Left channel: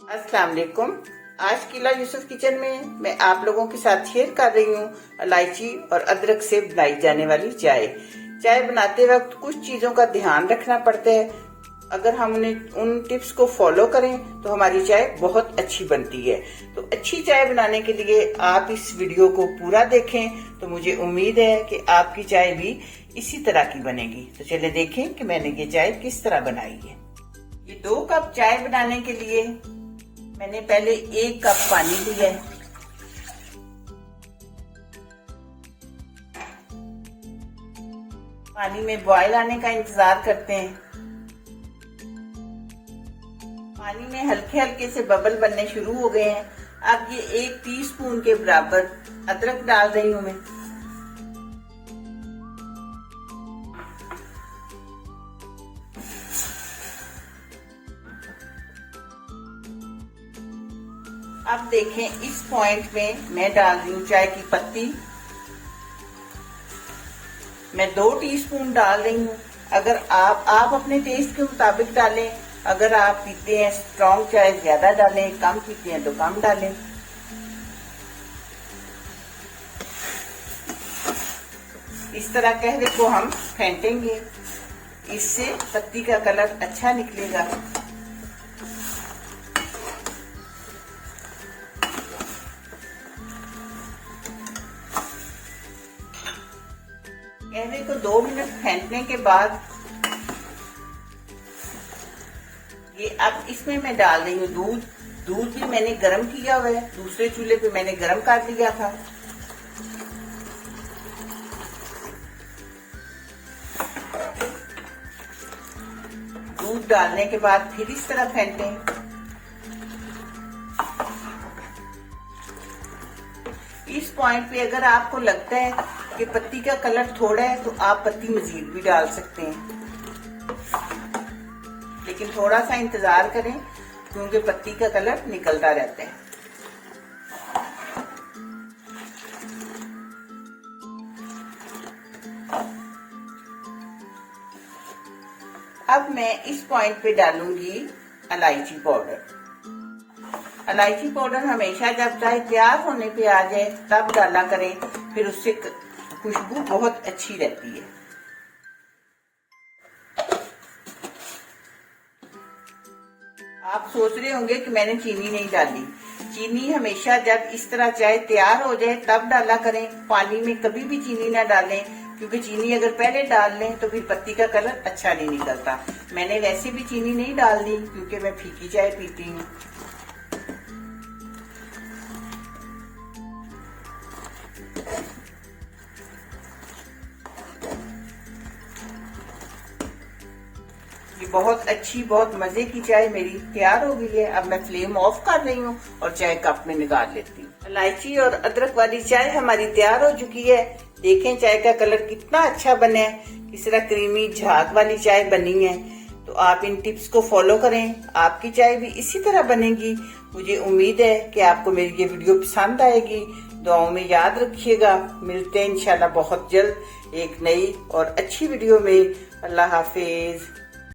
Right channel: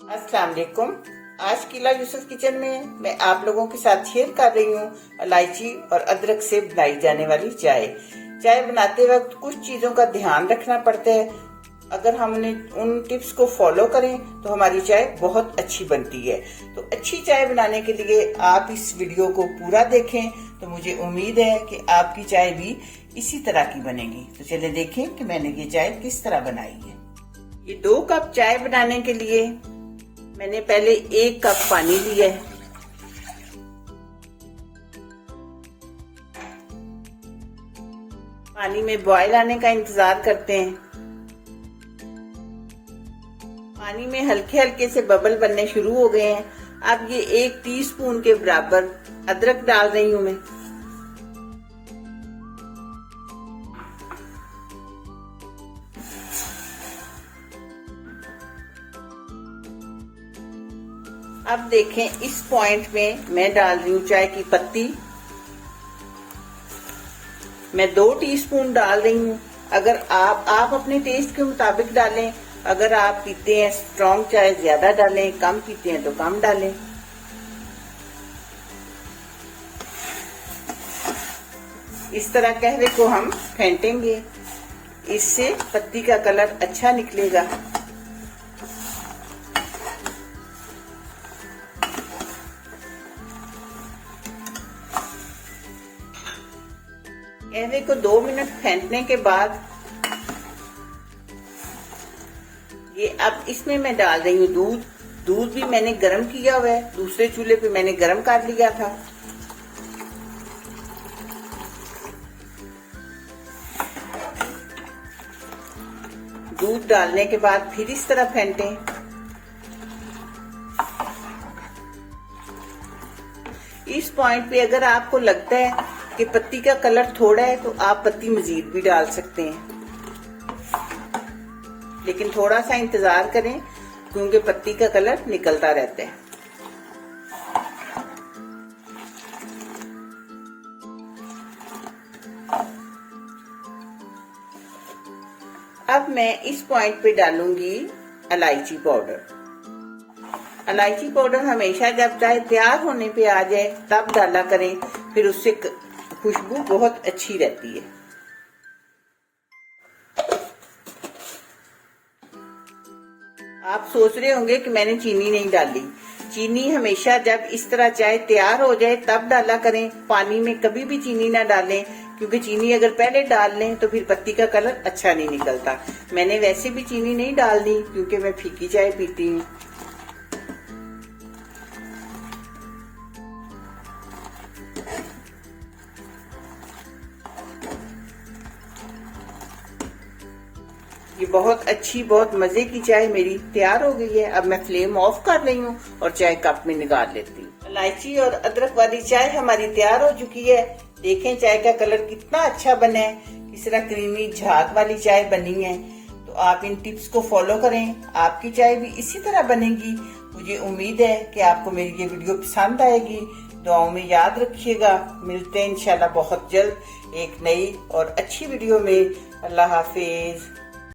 अस्सलाम वालेकुम। आज किला यूसुफ किचन में मैं आप लोगों के साथ शेयर कर रही हूँ इलायची और अदरक से बनाई जाने वाली चाय। चाय बनाते वक्त कुछ चीजों का ध्यान रखना पड़ता है। अगर हमने उन टिप्स को फॉलो करें तो हमारी चाय बहुत अच्छी बनती है। तो अच्छी चाय बनाने के लिए आप इस वीडियो को पूरा देखें तो मुझे उम्मीद है कि आपकी चाय भी इसी तरह की बनेगी। तो चलिए देखें कि मैंने ये चाय किस तरह बनाई है। ये 2 कप चाय बनाने के लिए मैंने पहले 1 कप पानी लिया है। पानी में बॉयल आने का इंतजार करते हैं। पानी में हल्के हल्के से बबल बनने शुरू हो गए हैं। अब ये 1 टीस्पून के बराबर अदरक डाल रही हूं मैं। अब देखें इस पॉइंट में मैं डाल रही हूँ चाय की पत्ती। मैं 2 टीस्पून डाल रही हूँ। अगर आप अपने टेस्ट के मुताबिक डालें। अगर आप पीते हैं स्ट्रॉन्ग चाय ज्यादा डालें, कम पीते हैं तो कम डालें। इस तरह कहवे को हम फेंटेंगे, इससे पत्ती का कलर अच्छा निकलेगा। कहवे को 2 मिनट फेंटने के बाद ये अब इसमें मैं डाल रही हूँ दूध। दूध भी मैंने गरम किया हुआ है, दूसरे चूल्हे पे मैंने गरम कर लिया था। दूध डालने के बाद फिर इस तरह फेंटें। इस पॉइंट पे अगर आपको लगता है कि पत्ती का कलर थोड़ा है तो आप पत्ती मजीद भी डाल सकते हैं, लेकिन थोड़ा सा इंतजार करें क्योंकि पत्ती का कलर निकलता रहता है। अब मैं इस पॉइंट पे डालूंगी इलायची पाउडर। इलायची पाउडर हमेशा जब चाय तैयार होने पे आ जाए तब डाला करें, फिर उससे खुशबू बहुत अच्छी रहती है। आप सोच रहे होंगे कि मैंने चीनी नहीं डाली। चीनी हमेशा जब इस तरह चाय तैयार हो जाए तब डाला करें। पानी में कभी भी चीनी ना डालें, क्योंकि चीनी अगर पहले डाल लें तो फिर पत्ती का कलर अच्छा नहीं निकलता। मैंने वैसे भी चीनी नहीं डालनी क्योंकि मैं फीकी चाय पीती हूँ। ये बहुत अच्छी, बहुत मजे की चाय मेरी तैयार हो गई है। अब मैं फ्लेम ऑफ कर रही हूँ और चाय कप में निकाल लेती हूँ। इलायची और अदरक वाली चाय हमारी तैयार हो चुकी है। देखें चाय का कलर कितना अच्छा बना है, किस तरह क्रीमी झाग वाली चाय बनी है। तो आप इन टिप्स को फॉलो करें, आपकी चाय भी इसी तरह बनेगी। मुझे उम्मीद है कि आपको मेरी ये वीडियो पसंद आएगी। दुआओं में याद रखिएगा। मिलते हैं इंशाल्लाह बहुत जल्द एक नई और अच्छी वीडियो में। अल्लाह हाफिज।